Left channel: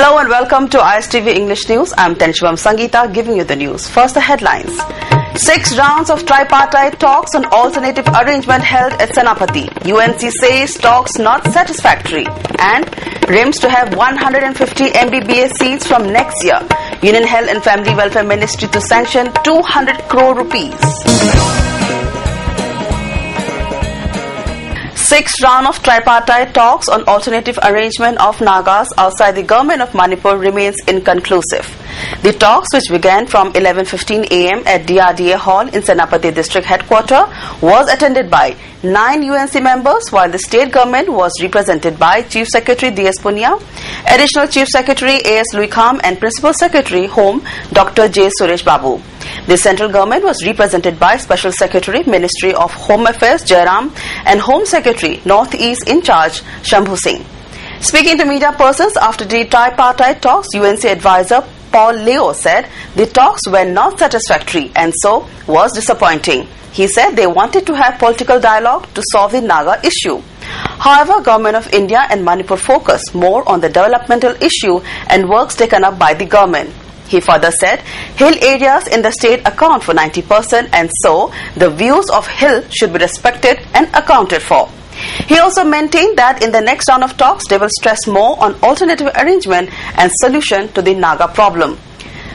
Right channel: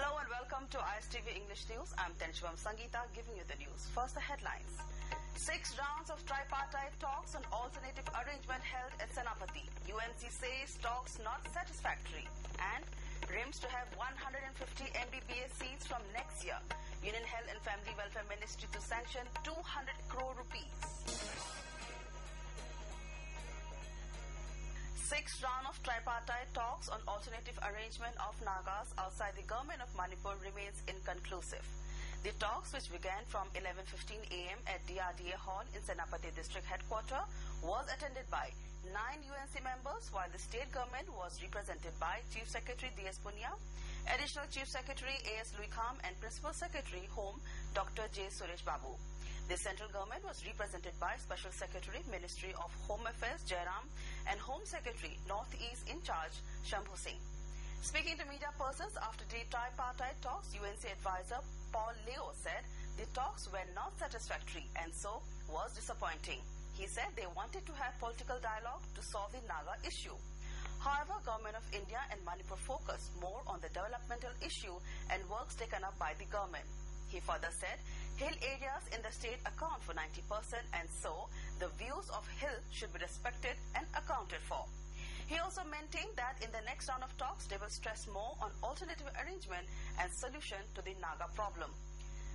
Hello and welcome to ISTV English News. I'm Tenshubam Sangeeta giving you the news. First, the headlines. 6 rounds of tripartite talks on alternative arrangement held at Senapati. UNC says talks not satisfactory. And RIMS to have 150 MBBS seats from next year. Union Health and Family Welfare Ministry to sanction 200 crore rupees. 6th round of tripartite talks on alternative arrangement of Nagas outside the government of Manipur remains inconclusive. The talks, which began from 11:15 a.m. at DRDA Hall in Senapati District Headquarters, was attended by 9 UNC members, while the state government was represented by Chief Secretary D.S. Punia, Additional Chief Secretary A.S. Luikam, and Principal Secretary Home Dr. J. Suresh Babu. The central government was represented by Special Secretary, Ministry of Home Affairs, Jairam, and Home Secretary, Northeast in charge, Shambhu Singh. Speaking to media persons after the tripartite talks, UNC advisor Paul Leo said the talks were not satisfactory and so was disappointing. He said they wanted to have political dialogue to solve the Naga issue. However, Government of India and Manipur focus more on the developmental issue and works taken up by the government. He further said hill areas in the state account for 90% and so the views of hill should be respected and accounted for. He also maintained that in the next round of talks they will stress more on alternative arrangement and solution to the Naga problem.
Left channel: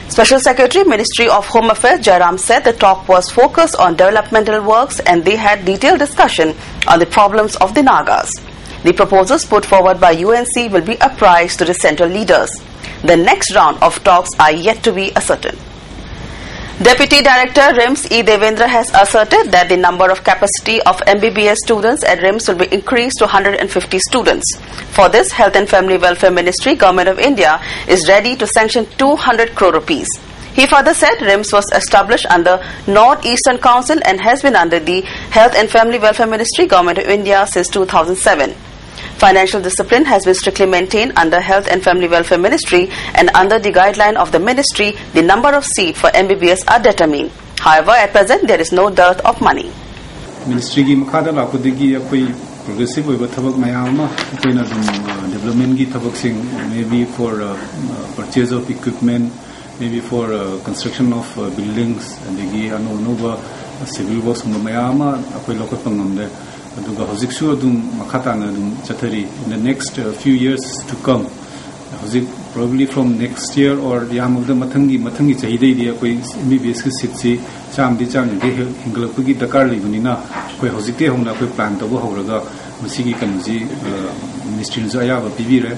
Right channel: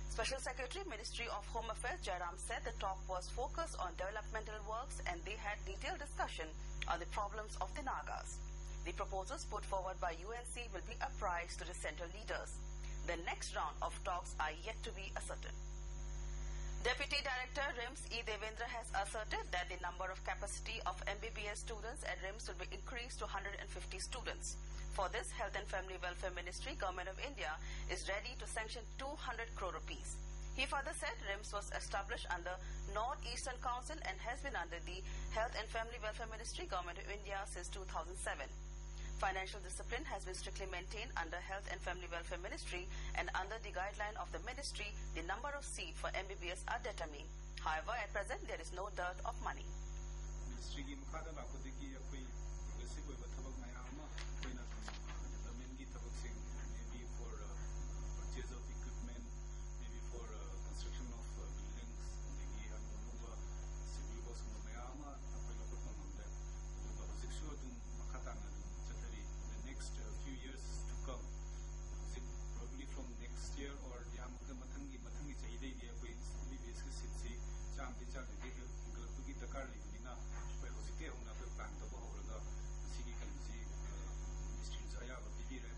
Special Secretary, Ministry of Home Affairs, Jairam said the talk was focused on developmental works and they had detailed discussion on the problems of the Nagas. The proposals put forward by UNC will be apprised to the central leaders. The next round of talks are yet to be ascertained. Deputy Director RIMS E. Devendra has asserted that the number of capacity of MBBS students at RIMS will be increased to 150 students. For this, Health and Family Welfare Ministry, Government of India, is ready to sanction 200 crore rupees. He further said RIMS was established under North-Eastern Council and has been under the Health and Family Welfare Ministry, Government of India since 2007. Financial discipline has been strictly maintained under Health and Family Welfare Ministry, and under the guideline of the ministry, the number of seats for MBBS are determined. However, at present, there is no dearth of money. Ministry ki makhada lakudigi akoi progressive oiba thabak mayama akoina development ki thabak sing, maybe for purchase of equipment, maybe for construction of buildings, adigi anova civil works mayama akoi lokot pangamde. In the next few years to come, probably from next year or the matangi chahide MBBS sitsi chamdi hingalapugi Dakar ligunina koi hosite hona koi plan tabo horaga masigi kanuji ministry ayaba pibire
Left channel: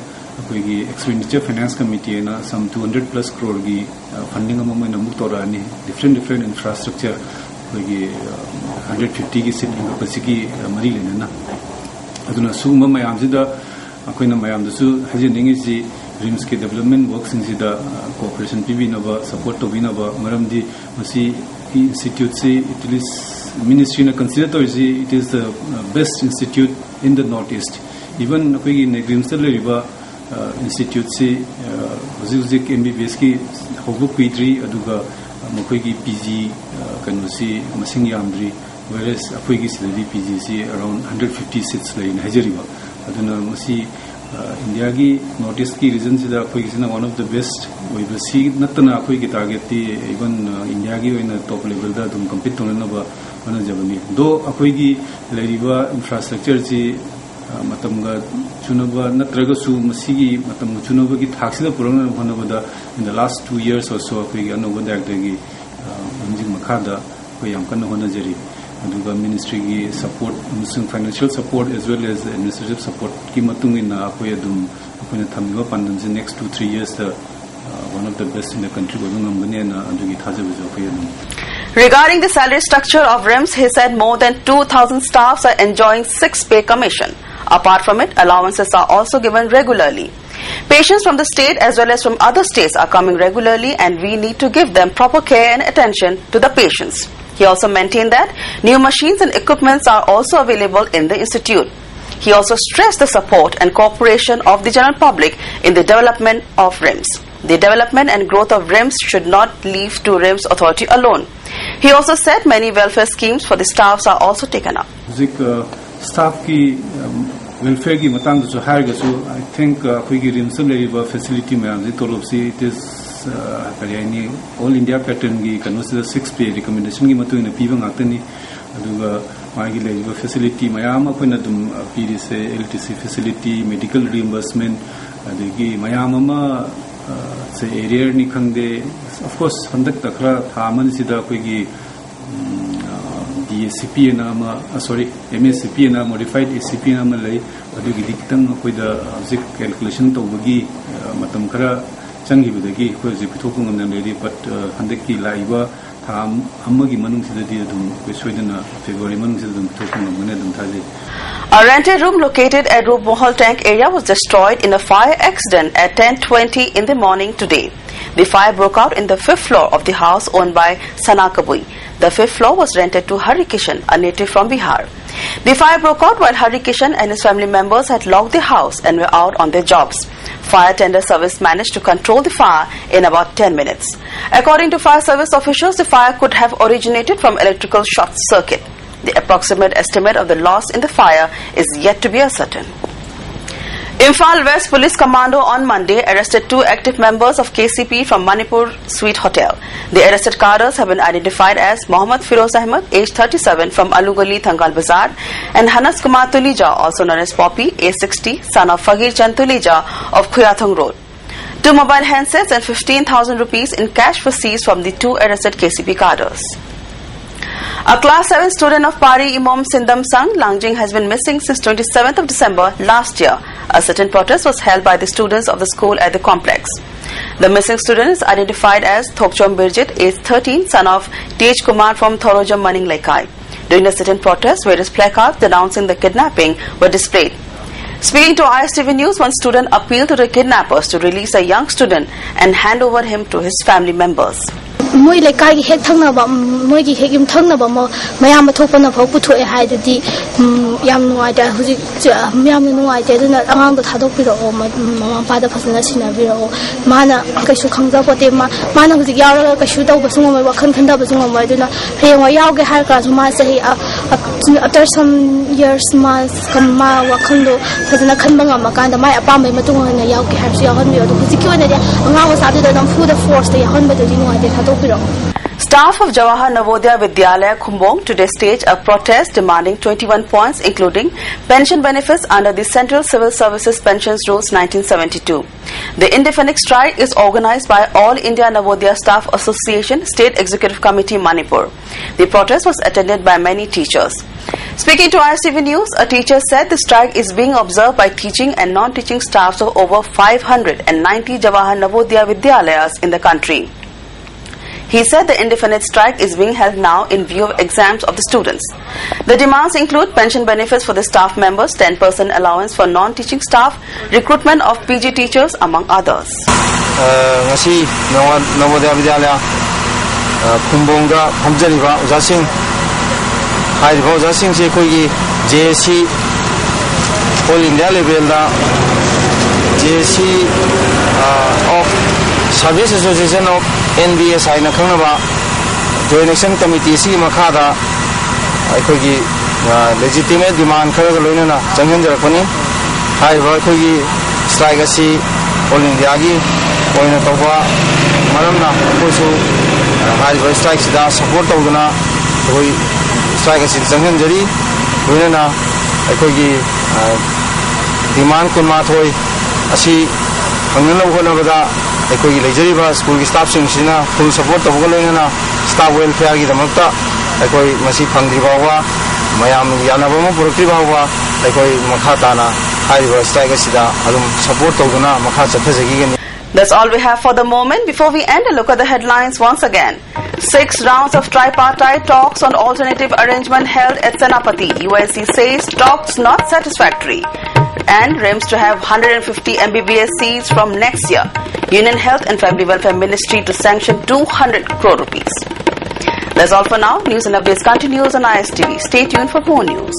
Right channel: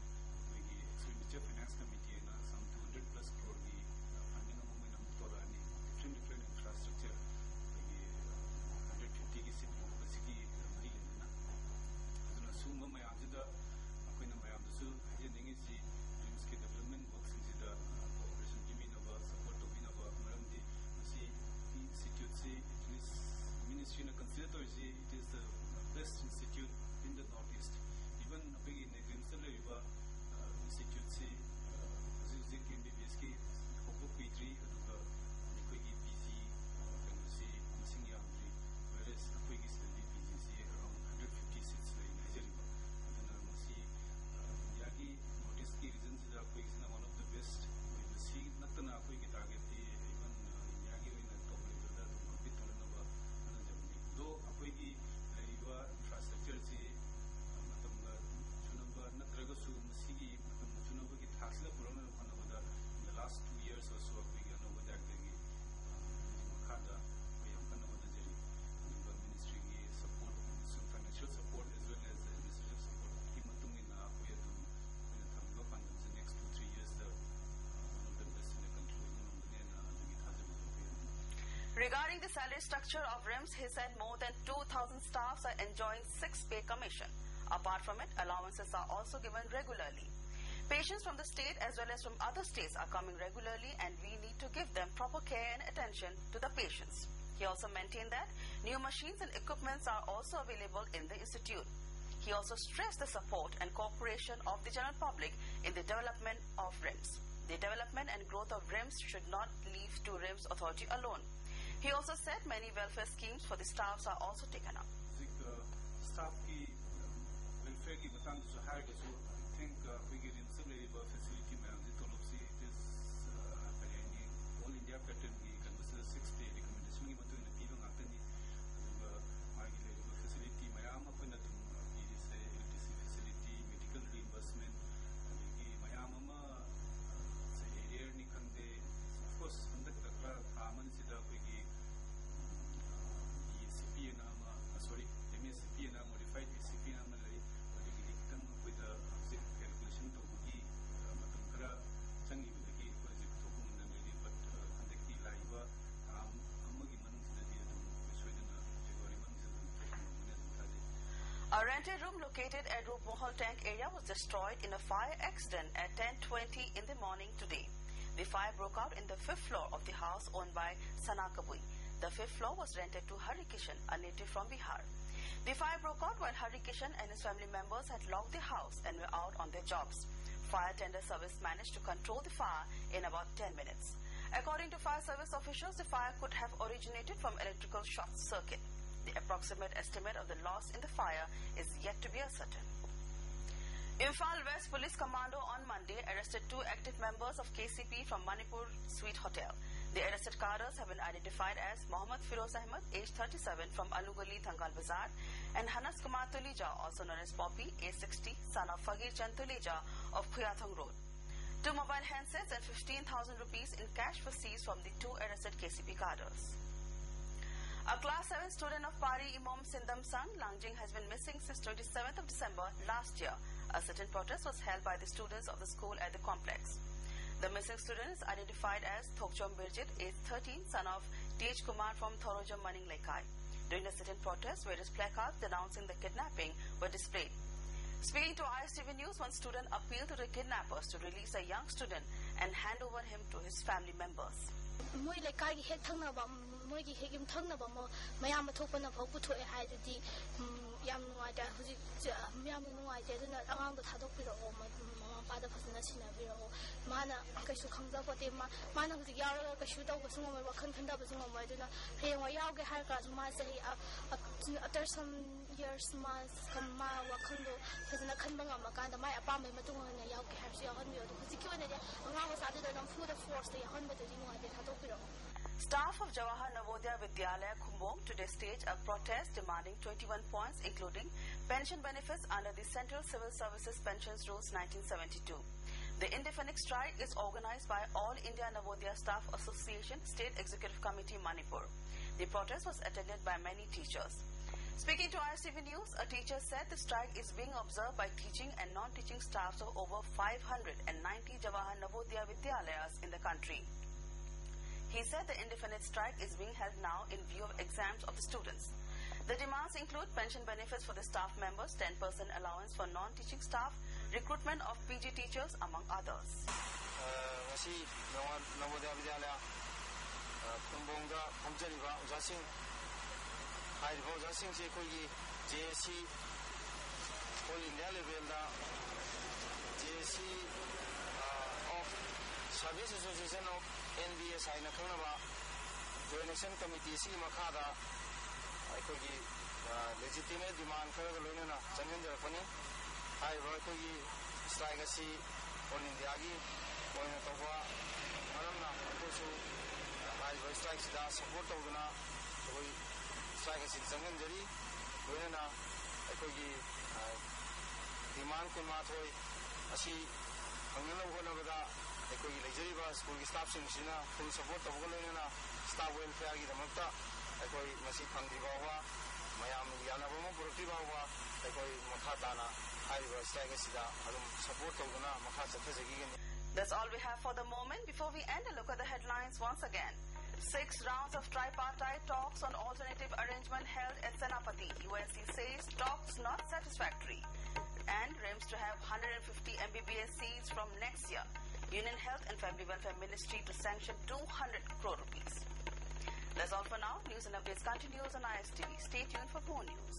koi expenditure finance committee na some 200 plus crore gi funding among muktorani different infrastructure 150 की seat इंगपसी की मरी लेना अदुना सुगम मयाम जिदा अखोइना मयाम दसु हजिनिंग जी RIMS के डेवलपमेंट वर्क्स इंजिदा कोऑपरेशन पिबिनबा सपोर्ट तोबिनबा मरमदि मसी इंस्टीट्यूट से इटलिस मिनिस्ट्री ना कंसीडर तो it is the best institute in the north east even अखोइगी RIMS द लेरिबा इंस्टीट्यूट से हुजिक MBBS की होबु कुइद्री अदुगा मखोइगी PG कनुसी मसिंग यामद्री whereas अखोइगी सिदि PG से around 150 seats लेन हजरिबा अदुना मसी इंडिया की नॉर्थ ईस्ट की रीजन से अखोइगी सिना one of the best ओइबसी नतना अखोइगी टारगेट ती इवन इंडिया की ओइना टॉप लेवल दा दुम कम्पीट तोननबा वना जबनी दो अखोइगी लेरिबा इंफ्रास्ट्रक्चर जी मतमगा चुनबा नत्रगसु मसीगी मतम चुनबगी थाक्सिदा पुरंग होनबदा in the last 2 years or so अखोइगी अनोबा दागदगी मंजिंग मखादा कोई यमकन होनजरी अदुगा मिनिस्ट्री की support financial support as well as administrative support की मतुंग इन अखोइ अदुम अखोइना थमिबा पांदन से next 2-3 years one of the best in the country गोदुंगमगने ना अदुगी थाजबजो अखोइ अदुम. Regarding the salary structure of RIMS, he said more than 2,000 staffs are enjoying 6-pay commission. Apart from it, allowances are also given regularly. Patients from the state as well as from other states are coming regularly and we need to give them proper care and attention to the patients. He also maintained that new machines and equipments are also available in the institute. He also stressed the support and cooperation of the general public in the development of RIMS. The development and growth of RIMS should not leave to RIMS authority alone. He also said many welfare schemes for the staffs are also taken up. Staff की welfare ki matang to hire gasu I think khoi gi rim sam le facility ma ji tolop si it is kariani all India pattern gi consider 6 pay recommendation gi matu ina piba ngakani aduga magi le facility mayam akoina dum pd se LTC facility medical reimbursement adigi mayam ama se area ni khangde of course handak takra thaman sida koi gi DSCP nama sorry MSCP na modified SCP nama lai adugi dikitang koi da object calculation to bagi matam khara changi budagi koi je pithoku ngamna le but handak ki laiba tham amagi manung sida di dum koi soidana February manung sida dum pithoku ngamna dum thaje. A rented room located at Rup Mohol Tank area was destroyed in a fire accident at 10:20 in the morning today. The fire broke out in the 5th floor of the house owned by Sana Kabui. The 5th floor was rented to Hari Kishan, a native from Bihar. The fire broke out while Hari Kishan and his family members had locked the house and were out on their jobs. Fire tender service managed to control the fire in about 10 minutes. According to fire service officials, the fire could have originated from electrical short circuit. The approximate estimate of the loss in the fire is yet to be ascertained. Imphal West Police Commando on Monday arrested 2 active members of KCP from Manipur Suite Hotel. The arrested cadres have been identified as Mohammad Firoz Ahmed, age 37, from Alugali, Thangal Bazar, and Hanas Kumar Tulija, also known as Poppy, age 60, son of Fagir Chand Tulija of Khuyathong Road. 2 mobile handsets and 15,000 rupees in cash were seized from the 2 arrested KCP cadres. A Class 7 student of Pari Imam Sindam Sang, Langjing, has been missing since 27th of December last year. A certain protest was held by the students of the school at the complex. The missing student is identified as Thokchom Birjit, age 13, son of Tej Kumar from Thorojam Maning Laikai. During the sit-in protest, various placards denouncing the kidnapping were displayed. Speaking to ISTV News, one student appealed to the kidnappers to release a young student and hand over him to his family members. Moi lekai hek thangna ba moi gi hek im thangna ba mayam thokpa na phau puthoe hai dadi yam nuai da huji yam nuai te duna angang da thadok pi ro mama pa da phasna sina bi ro mana kaishu khangja pote mana huji yaura kaishu tau ba sungma wa khan khan da ba sungma mai duna he wa yaw ge har ka ma sahi after some years ma kamma wa khando phasna khan banga ma kan da mai apa mai matung na yaw ge har su yaw han bi ro huji ki wona de angang wa sa de dam fu the force de han ba de nuai de thadok. Staff of Jawahar Navodaya Vidyalaya Khumbong today staged a protest demanding 21 points including pension benefits under the Central Civil Services Pensions Rules 1972. The indefinite strike is organized by All India Navodaya Staff Association State Executive Committee Manipur. The protest was attended by many teachers. Speaking to ISTV News, a teacher said the strike is being observed by teaching and non-teaching staffs of over 590 Jawahar Navodaya Vidyalayas in the country. He said the indefinite strike is being held now in view of exams of the students. The demands include pension benefits for the staff members, 10% allowance for non-teaching staff, recruitment of PG teachers, among others. Ngasi Navodaya Vidyalaya Khumbongda Hamjariba Ujasing Haiba Ujasing se koi JSC All India level da JSC of Service Association of NBS aina khangnaba Joint Action Committee si makhada aikogi legitimate demand kharaga loinana changhanjarakani haiba aikogi strike asi All India gi oina tawba maramna koisu haiba strike sida support tawduna koi strike asi changhanjari loinana aikogi demand kunma thoi asi hangnalo honabada aikogi lejariba school ki staff sing full support tawga loinana staff welfare gi damakta aikoi masi phangri bawa mayam yanaba mo purukri bawa aikoi makha tana haiba strike sida alum support tawduna makha chathajagi gani. That's all we have for the moment. Before we end, a look at the headlines once again. 6 rounds of tripartite talks on alternative arrangement held at Senapati. UIC says talks not satisfactory. And RIMS to have 150 MBBS seats from next year. Union Health and Family Welfare Ministry to sanction 200 crore rupees. That's all for now. News and updates continues on ISTV. Stay tuned for more news.